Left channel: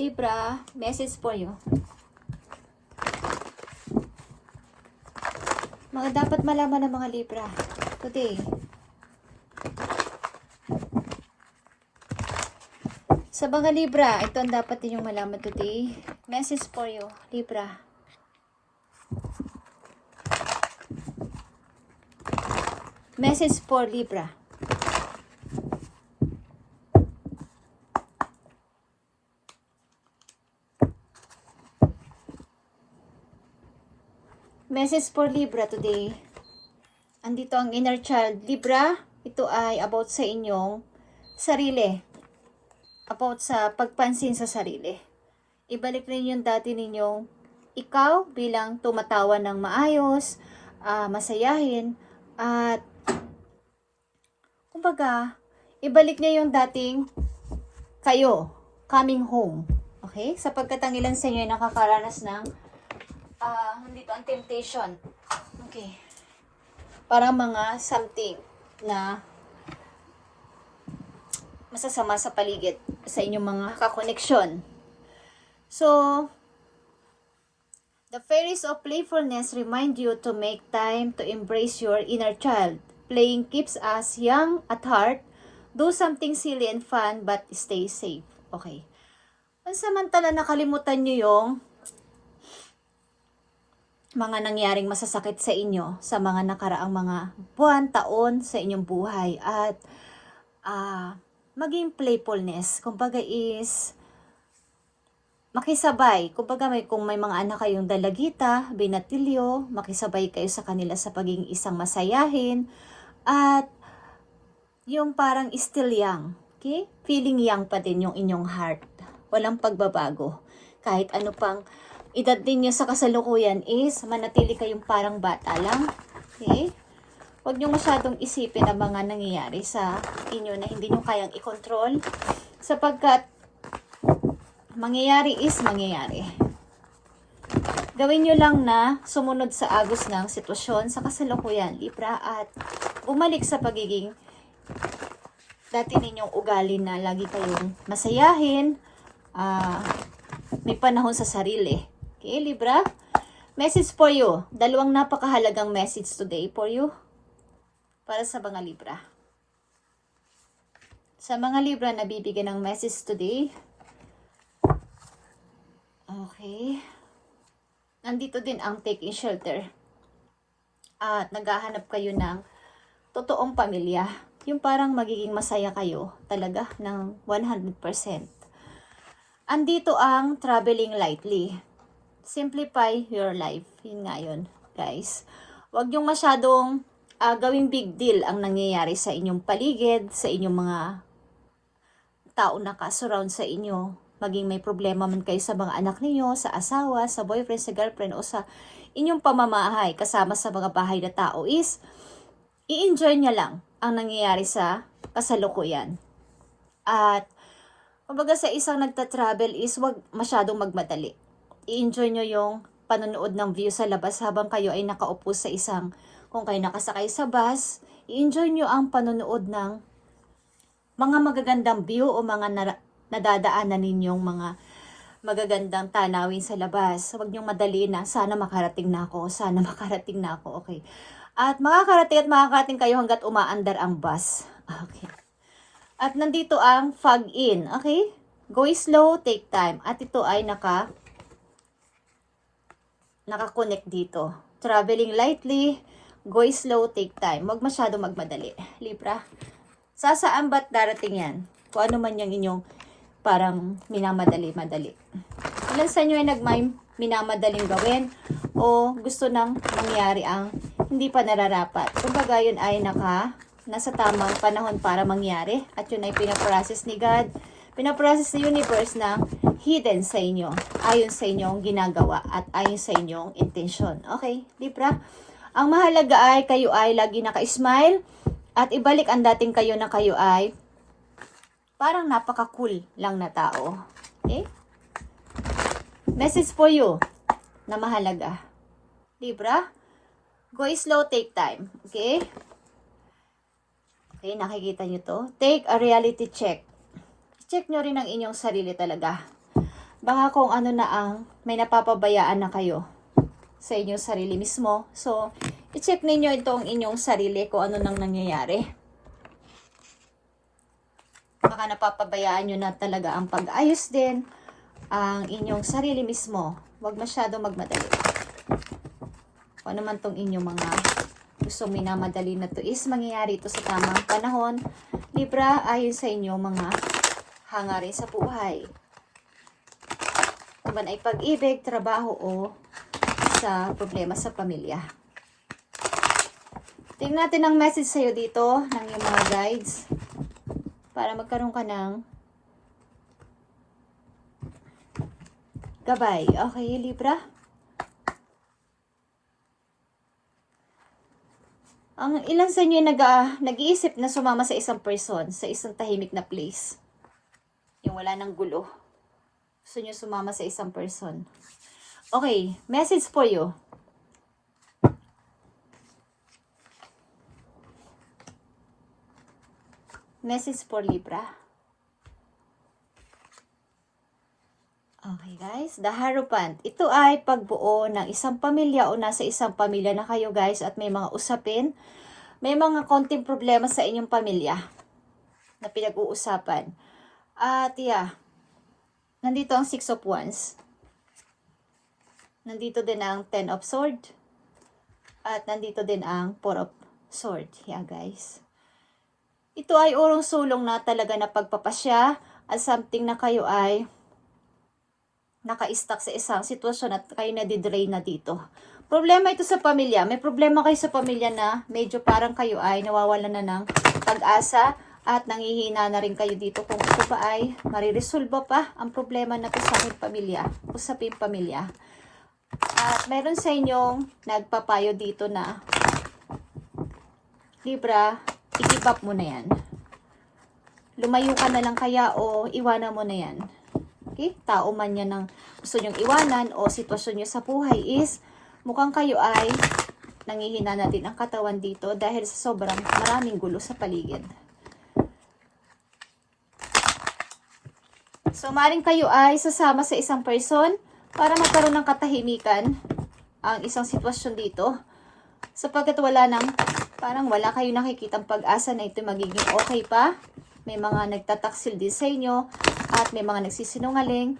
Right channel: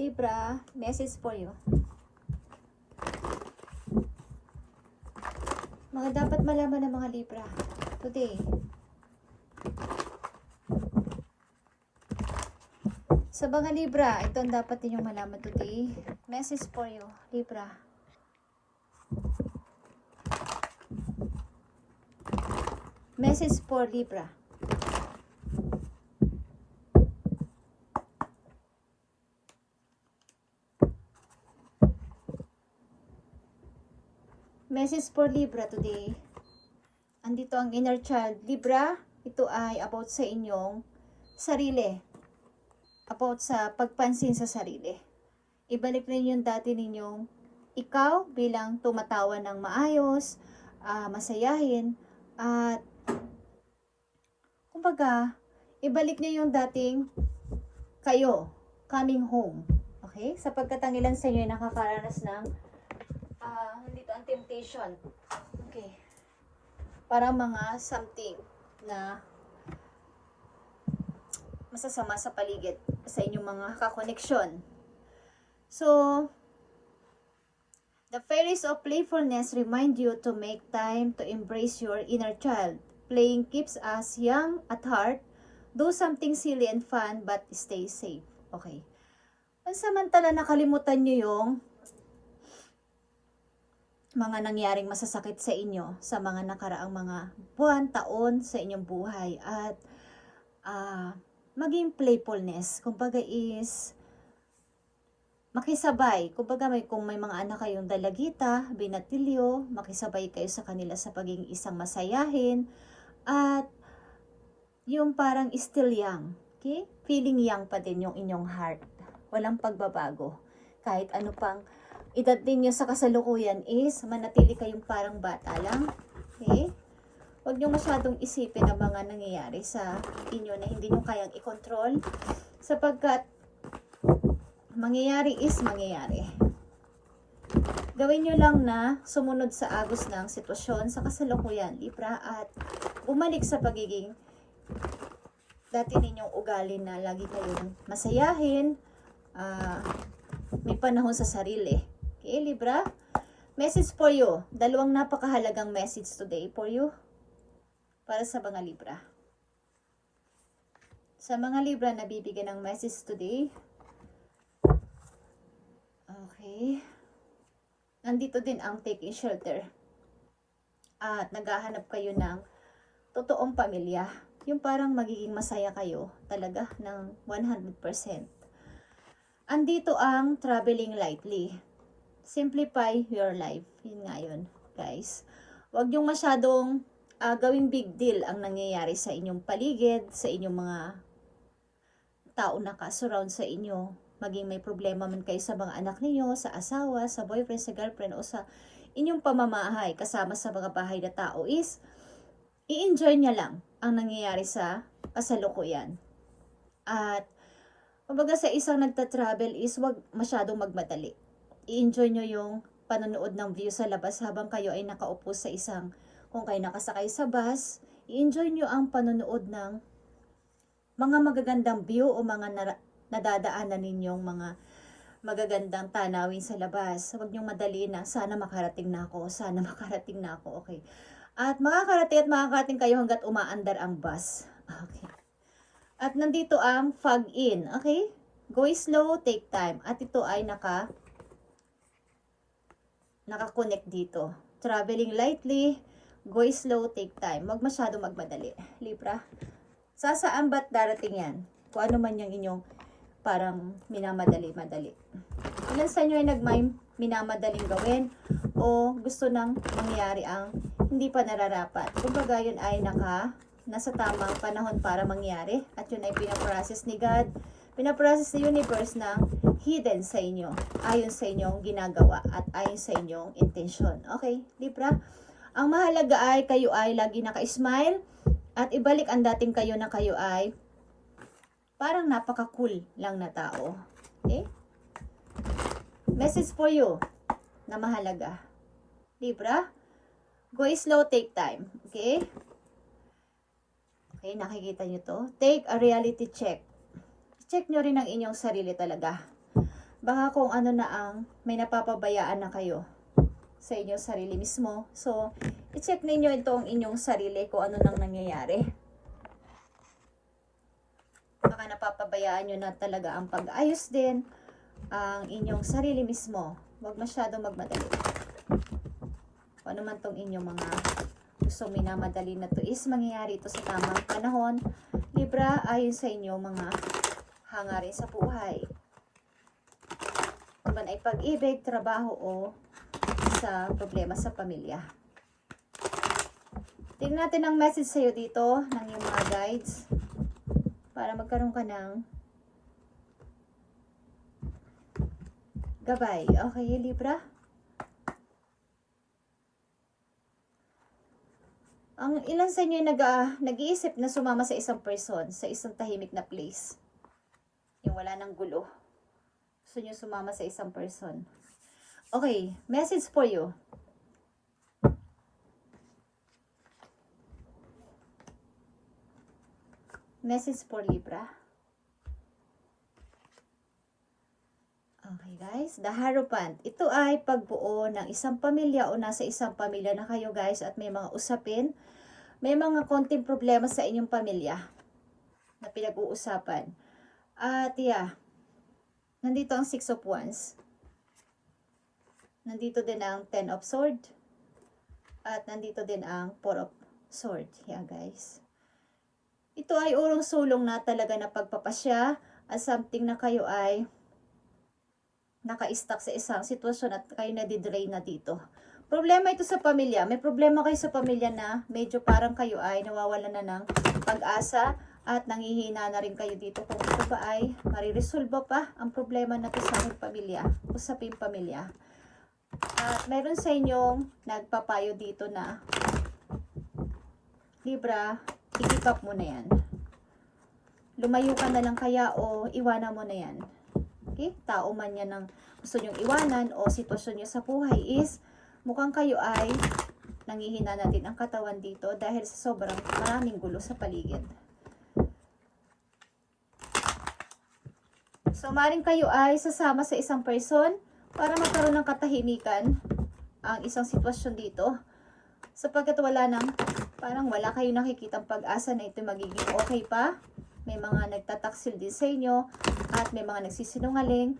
Libra, message for you. Mga dapat malaman ng mga Libra today. Sa mga Libra, ito ang dapat ninyong malaman today. Message for you, Libra. Message for Libra. Message for Libra today. Andito ang inner child. Libra, ito ay about sa inyong sarili. About sa pagpansin sa sarili. Ibalik rin yung dati ninyong ikaw bilang tumatawa ng maayos, masayahin, at kumbaga, ibalik niya yung dating kayo, coming home. Okay? Sapagkat ang ilan sa inyo ay nakakaranas ng nandito ang temptation. Okay. Parang mga something na masasama sa paligid sa inyong mga kakoneksyon. So, the fairies of playfulness remind you to make time to embrace your inner child. Playing keeps us young at heart. Do something silly and fun but stay safe. Okay. Pansamantala nakalimutan nyo yung mga nangyaring masasakit sa inyo sa mga nakaraang mga buwan, taon sa inyong buhay at maging playfulness. Kumbaga is makisabay. Kumbaga kung may mga anak kayong dalagita, binatilyo, makisabay kayo sa kanila sa pagiging isang masayahin at yung parang still young. Okay? Feeling young pa din yung inyong heart. Walang pagbabago. Kahit ano pang edad din nyo sa kasalukuyan is manatili kayong parang bata lang. Okay? Huwag nyo masyadong isipin ang mga nangyayari sa inyo na hindi nyo kayang i-control sapagkat mangyayari is mangyayari. Gawin nyo lang na sumunod sa agos ng sitwasyon sa kasalukuyan, Libra, at umalik sa pagiging dati ninyong ugali na lagi kayong masayahin, may panahon sa sarili. Okay, Libra? Message for you. Dalawang napakahalagang message today for you. Para sa mga Libra. Sa mga Libra na bibigyan ng message today. Okay. Nandito din ang taking shelter. At naghahanap kayo ng totoong pamilya. Yung parang magiging masaya kayo talaga ng 100%. Andito ang traveling lightly. Simplify your life. Yun nga yun, guys. Huwag yung masyadong gawing big deal ang nangyayari sa inyong paligid, sa inyong mga tao na ka-surround sa inyo. Maging may problema man kayo sa mga anak niyo, sa asawa, sa boyfriend, sa girlfriend, o sa inyong pamamahay kasama sa mga bahay na tao is i-enjoy nyo lang ang nangyayari sa kasalukuyan. At kumbaga sa isang nagta-travel is wag masyadong magmadali. I-enjoy nyo yung panonood ng view sa labas habang kayo ay nakaupo sa isang, kung kayo nakasakay sa bus, i-enjoy nyo ang panonood ng mga magagandang view o mga nadadaanan ninyong mga magagandang tanawin sa labas. Huwag nyo madali na, sana makarating na ako, sana makarating na ako, okay. At makakarating kayo hanggat umaandar ang bus. Okay. At nandito ang fog in, okay? Go slow, take time. At ito ay naka-connect dito. Traveling lightly, go slow, take time. Huwag masyado magmadali. Libra, sasaan ba't darating yan? Kung ano man yung inyong parang minamadali-madali. Ilan sa inyo ay minamadaling gawin o gusto nang mangyari ang hindi pa nararapat. Kumbaga yun ay nasa tamang panahon para mangyari at yun ay pinaprocess ni God, pinaprocess ni universe na hidden sa inyo ayon sa inyong ginagawa at ayon sa inyong intensyon. Okay, Libra? Ang mahalaga ay kayo ay lagi naka-smile at ibalik ang dating kayo na kayo ay parang napaka-cool lang na tao. Okay? Message for you na mahalaga. Libra, go slow, take time. Okay? Okay, nakikita nyo to. Take a reality check. Check nyo rin ang inyong sarili talaga. Baka kung ano na ang may napapabayaan na kayo sa inyong sarili mismo. So, i-check ninyo itong inyong sarili kung ano nang nangyayari. Baka napapabayaan nyo na talaga ang pag-ayos din ang inyong sarili mismo. Huwag masyadong magmadali. Kung ano man tong inyong mga gustong minamadali na to is mangyayari ito sa tamang panahon. Libra, ayon sa inyong mga hangarin sa buhay. Ito man ay pag-ibig, trabaho o sa problema sa pamilya. Tingnan natin ang message sa'yo dito ng iyong mga guides para magkaroon ka ng gabay. Okay, Libra? Ang ilan sa inyo nag-iisip na sumama sa isang person, sa isang tahimik na place. Yung wala ng gulo. Gusto nyo sumama sa isang person. Okay, message for you. Message for Libra. Okay guys, the Hierophant. Ito ay pagbuo ng isang pamilya o nasa isang pamilya na kayo guys at may mga usapin. May mga konting problema sa inyong pamilya na pinag-uusapan. At yeah, nandito ang 6 of Wands. Nandito din ang 10 of Swords. At nandito din ang 4 of Swords. Yeah guys. Ito ay urong-sulong na talaga na pagpapasya at something na kayo ay naka-stuck sa isang sitwasyon at kayo na-drain na dito. Problema ito sa pamilya. May problema kayo sa pamilya na medyo parang kayo ay nawawalan na ng pag-asa at nangihina na rin kayo dito kung ito pa ay mariresolve pa ang problema na usapin pamilya. At meron sa inyong nagpapayo dito na Libra, i-give up mo na yan. Lumayo ka na lang kaya o iwanan mo na yan. Okay? Tao man yan ng gusto nyong iwanan o sitwasyon nyo sa buhay is mukhang kayo ay nangihina na din ang katawan dito dahil sa sobrang maraming gulo sa paligid. So, maring kayo ay sasama sa isang person para magkaroon ng katahimikan ang isang sitwasyon dito. Sapagkat parang wala kayo nakikitang pag-asa na ito magiging okay pa. May mga nagtataksil din sa inyo at may mga nagsisinungaling.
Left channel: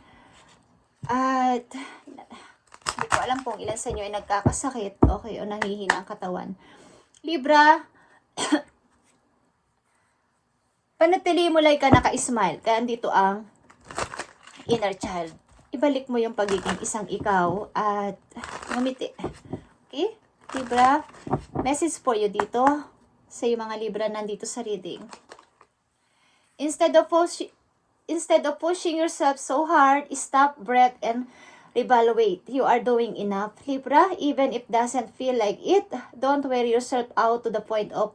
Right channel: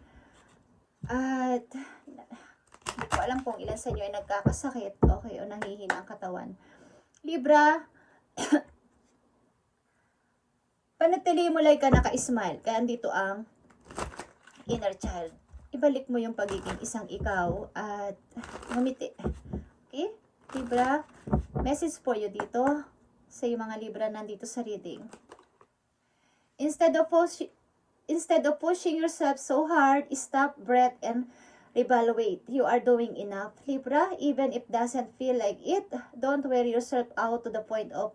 At hindi ko alam kung ilan sa inyo ay nagkakasakit, okay, o nangihina ang katawan. Libra, panatili mo lang ka naka-smile. Kaya dito ang inner child. Ibalik mo yung pagiging isang ikaw at ngumiti. Okay? Libra, message for you dito sa yung mga Libra nandito sa reading. Instead of pushing yourself so hard, stop, breath, and reevaluate. You are doing enough. Libra, even if it doesn't feel like it, don't wear yourself out to the point of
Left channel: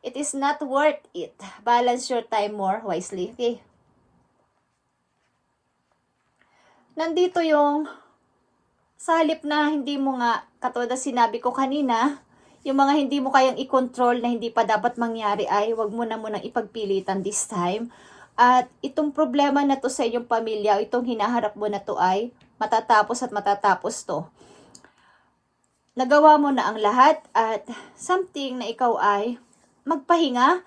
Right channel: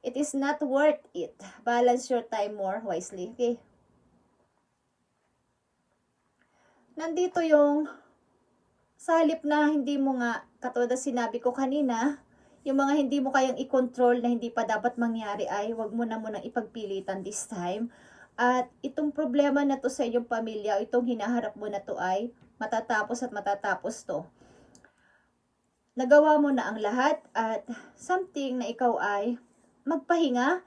it is not worth it. Balance your time more wisely. Okay? Nandito yung sa halip na hindi mo nga, katulad na sinabi ko kanina, yung mga hindi mo kayang i-control na hindi pa dapat mangyari ay wag mo na munang ipagpilitan this time. At itong problema na to sa inyong pamilya, itong hinaharap mo na to ay matatapos at matatapos to. Nagawa mo na ang lahat at something na ikaw ay magpahinga,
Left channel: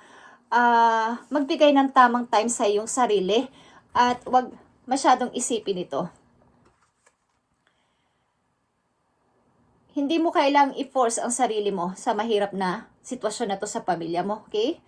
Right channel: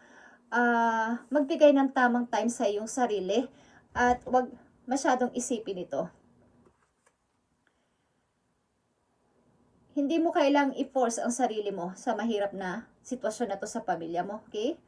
magbigay ng tamang time sa iyong sarili at wag masyadong isipin ito. Hindi mo kailangang i-force ang sarili mo sa mahirap na sitwasyon na to sa pamilya mo, okay?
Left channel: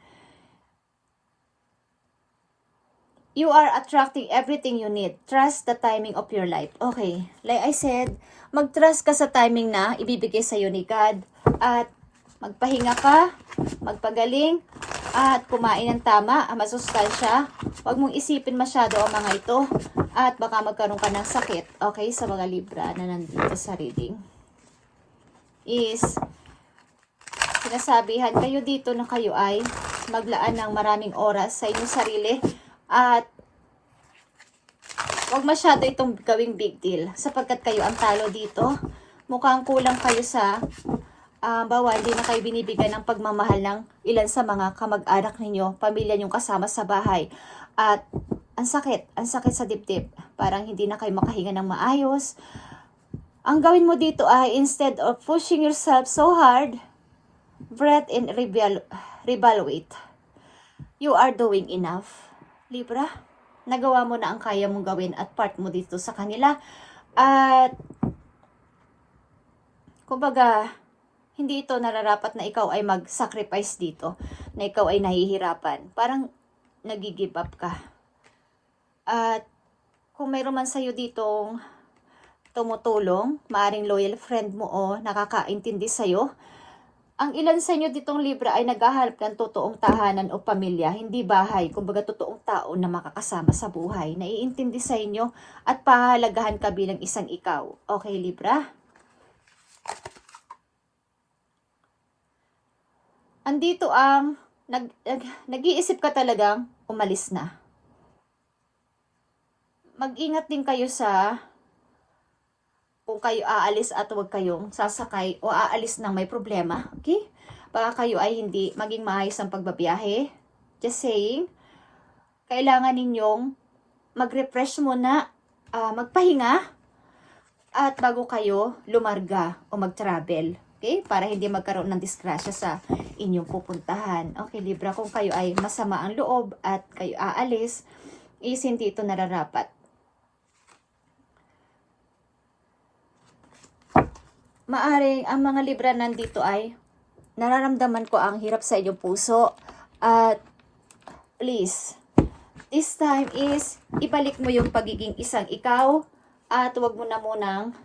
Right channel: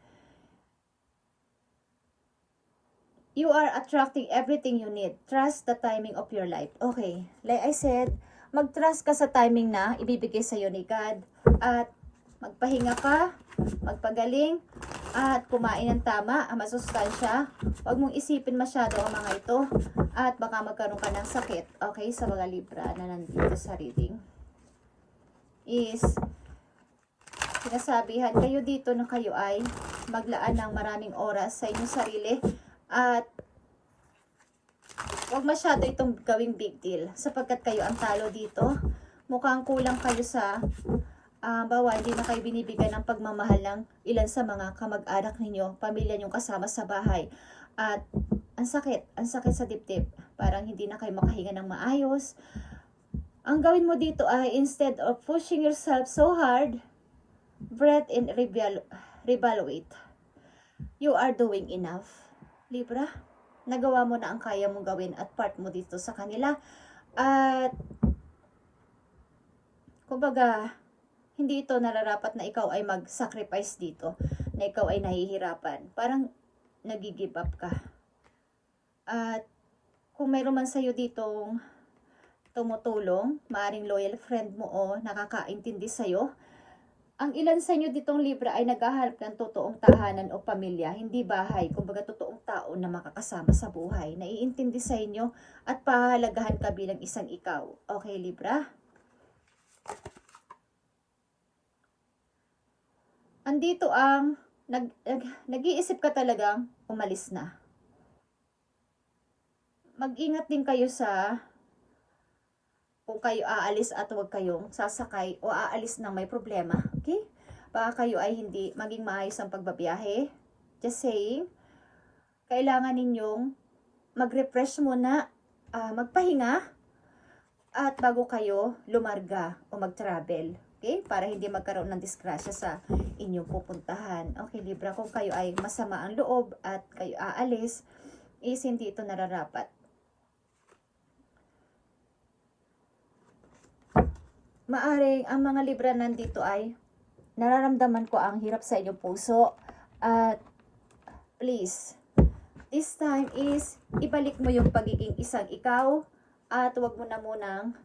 You are attracting everything you need. Trust the timing of your life. Okay, like I said, mag-trust ka sa timing na ibibigay sa'yo ni God. At magpahinga ka, magpagaling, at kumain ng tama, ang masustansya. Huwag mong isipin masyado ang mga ito. At baka magkaroon ka ng sakit, okay, sa mga Libra na nandito sa reading. Is sinasabihan kayo dito na kayo ay maglaan ng maraming oras sa inyong sarili at huwag masyado itong gawing big deal sapagkat kayo ang talo dito. Mukhang kulang kayo sa bawa, hindi na kayo binibigyan ng pagmamahal ng ilan sa mga kamag-anak ninyo, pamilya nyong kasama sa bahay at ang sakit sa dibdib. parang hindi na kayo makahinga ng maayos. Ang gawin mo dito ay, instead of pushing yourself so hard, breathe and reevaluate. You are doing enough. Libra, nagawa mo na ang kaya mong gawin at part mo dito sa kanila. At, kumbaga, hindi ito nararapat na ikaw ay mag-sacrifice dito, na ikaw ay nahihirapan. Parang nag-give up ka. At kung mayroon man sa'yo ditong tumutulong, maaring loyal friend mo o nakakaintindi sa'yo, ang ilan sa inyo ditong Libra ay naghahanap ng totoong tahanan o pamilya, hindi bahay, kumbaga totoong tao na makakasama sa buhay, naiintindi sa inyo at pahalagahan ka bilang isang ikaw. Okay, Libra? Andito ang nag-iisip ka talagang umalis na. Mag-ingat din kayo sa kung kayo aalis at huwag kayong sasakay o aalis ng may problema. Okay? Baka kayo ay hindi maging maayos ang pagbabiyahe. Just saying, kailangan ninyong mag-refresh muna, magpahinga, at bago kayo lumarga o mag-travel. Okay? Para hindi magkaroon ng disgrasya sa inyong pupuntahan. Okay, Libra, kung kayo ay masama ang loob at kayo aalis, is hindi ito nararapat. Maaring ang mga Libra nandito ay nararamdaman ko ang hirap sa inyong puso. At please, this time is ibalik mo yung pagiging isang ikaw at huwag mo na munang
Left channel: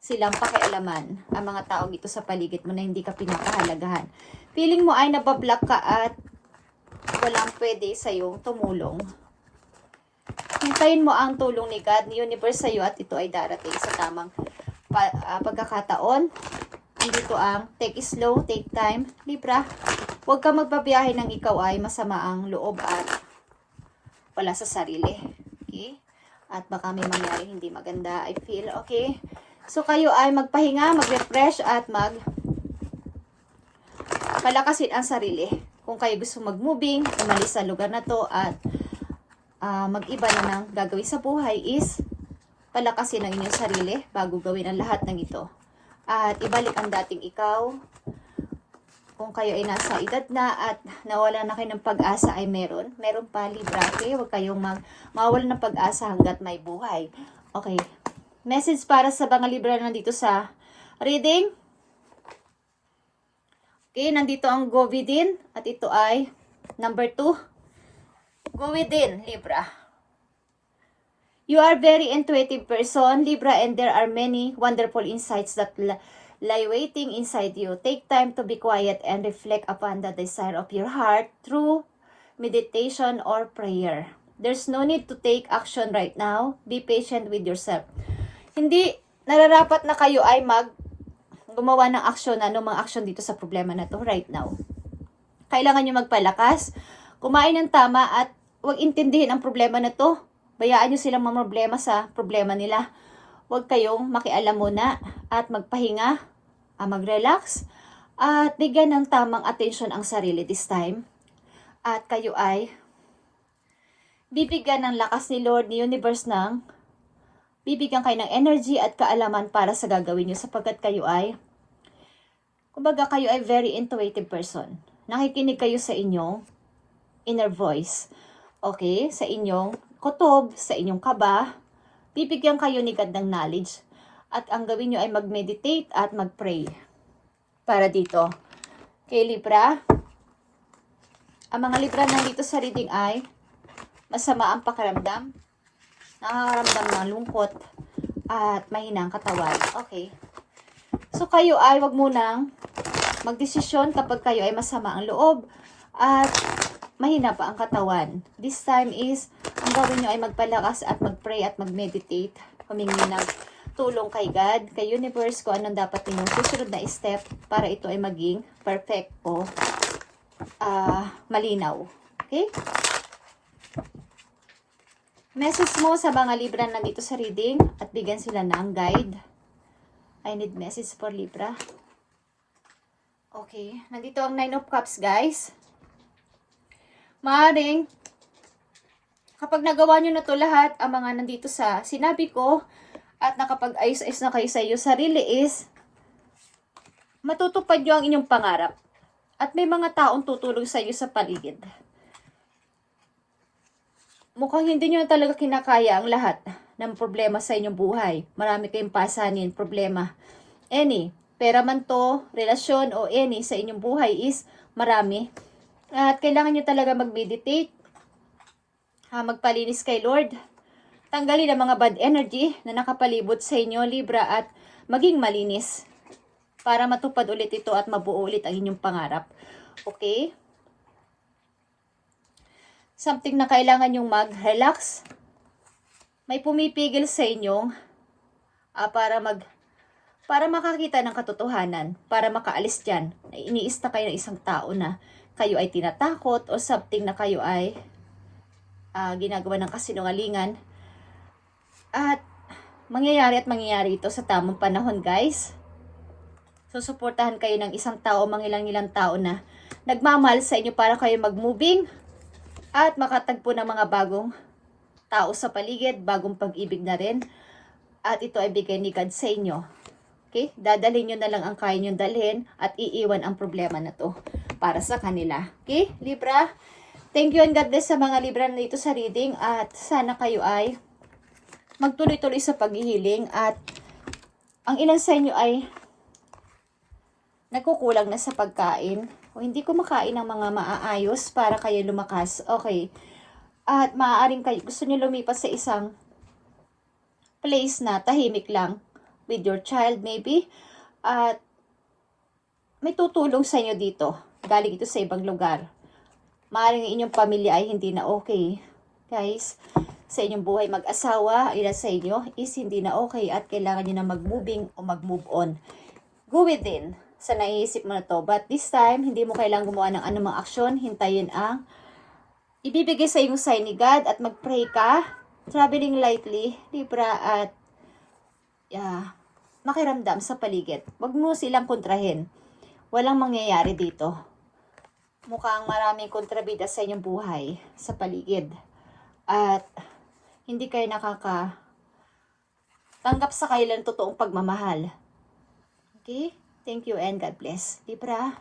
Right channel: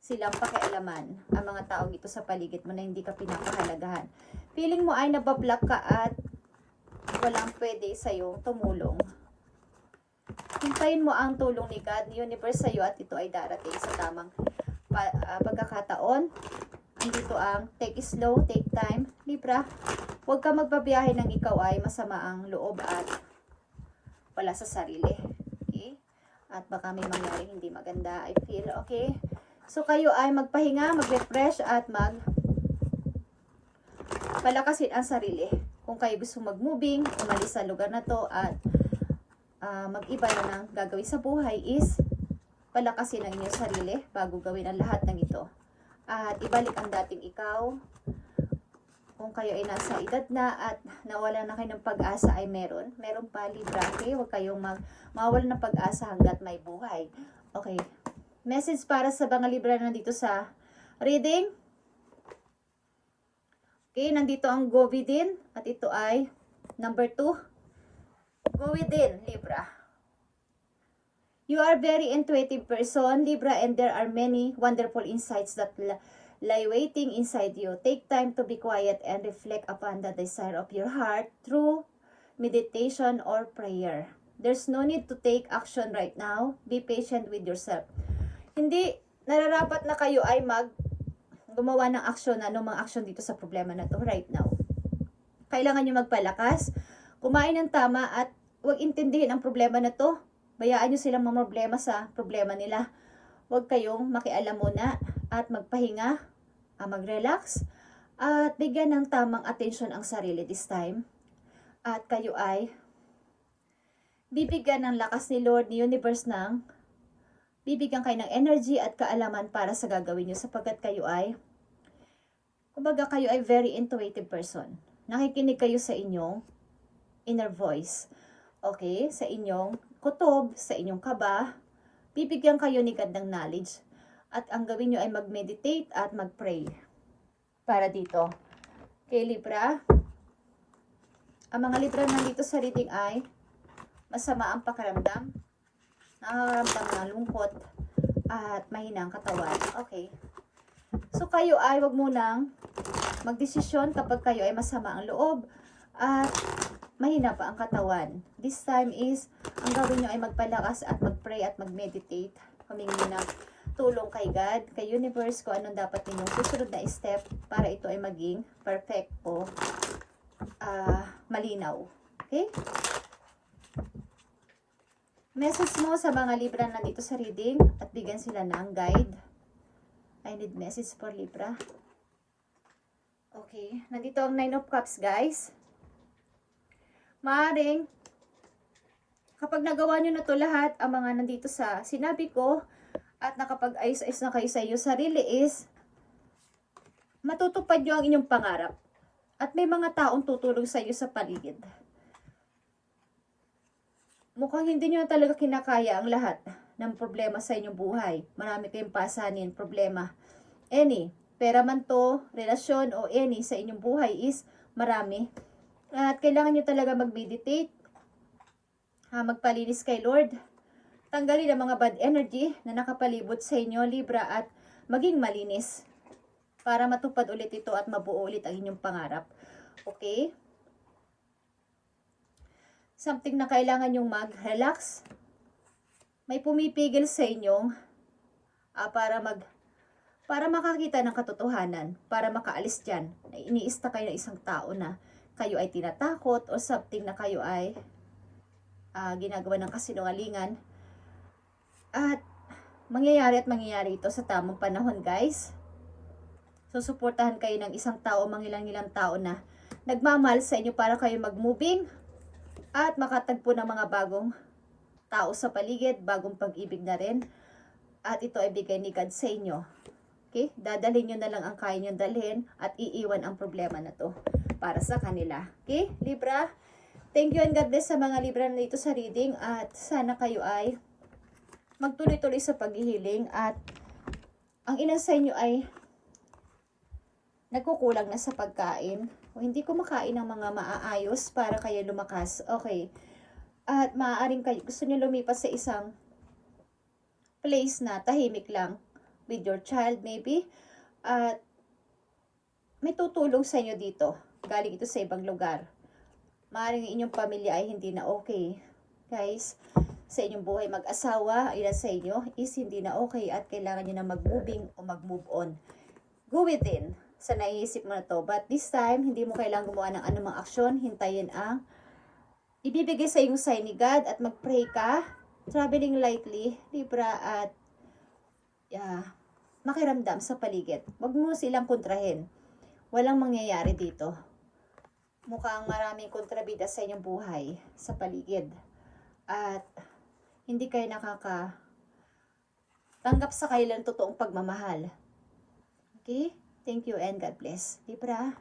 silang pakialaman ang mga taong ito sa paligid mo na hindi ka pinapahalagahan. Feeling mo ay nabablock ka at walang pwede sa'yong tumulong. Hintayin mo ang tulong ni God, ni Universe sa'yo at ito ay darating sa tamang pagkakataon. Dito ang take it slow, take time. Libra, huwag ka magbabiyahe ng ikaw ay masama ang loob at wala sa sarili. Okay? At baka may mangyari hindi maganda, I feel. Okay? So kayo ay magpahinga, mag-refresh at palakasin ang sarili. Kung kayo gusto mag-moving, umalis sa lugar na to at mag-iba na ng gagawin sa buhay is palakasin ang inyong sarili bago gawin ang lahat ng ito. At ibalik ang dating ikaw. Kung kayo ay nasa edad na at nawala na kayo ng pag-asa ay meron pa, Libra. Okay? Huwag kayong mawala ng pag-asa hanggat may buhay. Okay. Message para sa mga Libra na nandito sa reading. Okay, nandito ang go within. At ito ay number 2. Go within, Libra. You are very intuitive person, Libra, and there are many wonderful insights that lie waiting inside you. Take time to be quiet and reflect upon the desire of your heart through meditation or prayer. There's no need to take action right now. Be patient with yourself. Hindi nararapat na kayo ay gumawa ng aksyon, mga aksyon dito sa problema na to right now. Kailangan nyo magpalakas, kumain ng tama at huwag intindihin ang problema na to. Bayaan nyo silang problema sa problema nila. Huwag kayong makialam muna at magpahinga, mag-relax, at bigyan ng tamang atensyon ang sarili this time. At kayo ay bibigyan ng lakas ni Lord, ni Universe bibigyan kayo ng energy at kaalaman para sa gagawin nyo sapagkat kayo ay, kumbaga kayo ay very intuitive person. Nakikinig kayo sa inyong inner voice. Okay? Sa inyong kutob, sa inyong kaba, bibigyan kayo ni God ng knowledge. At ang gawin nyo ay mag-meditate at mag-pray. Para dito. Okay, Libra? Ang mga Libra na dito sa reading ay masama ang pakiramdam, nakakaramdam ng lungkot, at mahinang katawan. Okay. So, kayo ay wag munang magdesisyon kapag kayo ay masama ang loob at mahina pa ang katawan. This time is, ang gawin nyo ay magpalakas at mag-pray at mag-meditate. Humingi ng tulong kay God, kay Universe, kung anong dapat ninyong susunod na step para ito ay maging perfect o malinaw. Okay? Message mo sa mga Libra nandito sa reading at bigyan sila ng guide. I need message for Libra. Okay. Nandito ang 9 of Cups, guys. Maaring Kapag nagawa nyo na to lahat, ang mga nandito sa sinabi ko, at nakapag-ayos-ayos na kayo sa iyo sarili is, matutupad nyo ang inyong pangarap. At may mga taong tutulong sa iyo sa paligid. Mukhang hindi nyo talaga kinakaya ang lahat ng problema sa inyong buhay. Marami kayong pasanin, problema. Any, pera man to, relasyon o any sa inyong buhay is marami. At kailangan nyo talaga mag-meditate, magpalinis kay Lord, tanggalin ang mga bad energy na nakapalibot sa inyo, Libra, at maging malinis para matupad ulit ito at mabuo ulit ang inyong pangarap. Okay? Something na kailangan yung mag-relax. May pumipigil sa inyo para makakita ng katotohanan, para makaalis dyan. Iniista kayo ng isang tao na kayo ay tinatakot o something na kayo ay ginagawa ng kasinungalingan. At mangyayari ito sa tamang panahon, guys. Susuportahan kayo ng isang tao, mangilang-ilang tao na nagmamahal sa inyo para kayo mag-moving at makatagpo ng mga bagong tao sa paligid, bagong pag-ibig na rin. At ito ay bigay ni God sa inyo. Okay? Dadalhin nyo na lang ang kaya nyo dalhin at iiwan ang problema na to para sa kanila. Okay? Libra, thank you and God bless sa mga Libra na dito sa reading. At sana kayo ay magtuloy-tuloy sa paghihiling. At ang ilan sa inyo ay nagkukulang na sa pagkain o hindi kumakain ng mga maaayos para kayo lumakas. Okay. At maaaring kayo gusto niyo lumipas sa isang place na tahimik lang with your child maybe. At may tutulong sa inyo dito. Galing ito sa ibang lugar. Maaaring inyong pamilya ay hindi na okay. Guys, sa inyong buhay mag-asawa, ilan sa inyo is hindi na okay at kailangan nyo na mag-moving o mag-move on. Go within sa naiisip mo na to. But this time, hindi mo kailangang gumawa ng anumang aksyon. Hintayin ang ibibigay sa iyong sign ni God at mag-pray ka. Traveling lightly, Libra, at makiramdam sa paligid. Huwag mo silang kontrahin. Walang mangyayari dito. Mukhang maraming kontrabida sa inyong buhay sa paligid. At hindi kayo tanggap sa kailan totoong pagmamahal. Okay? Thank you and God bless. Libra.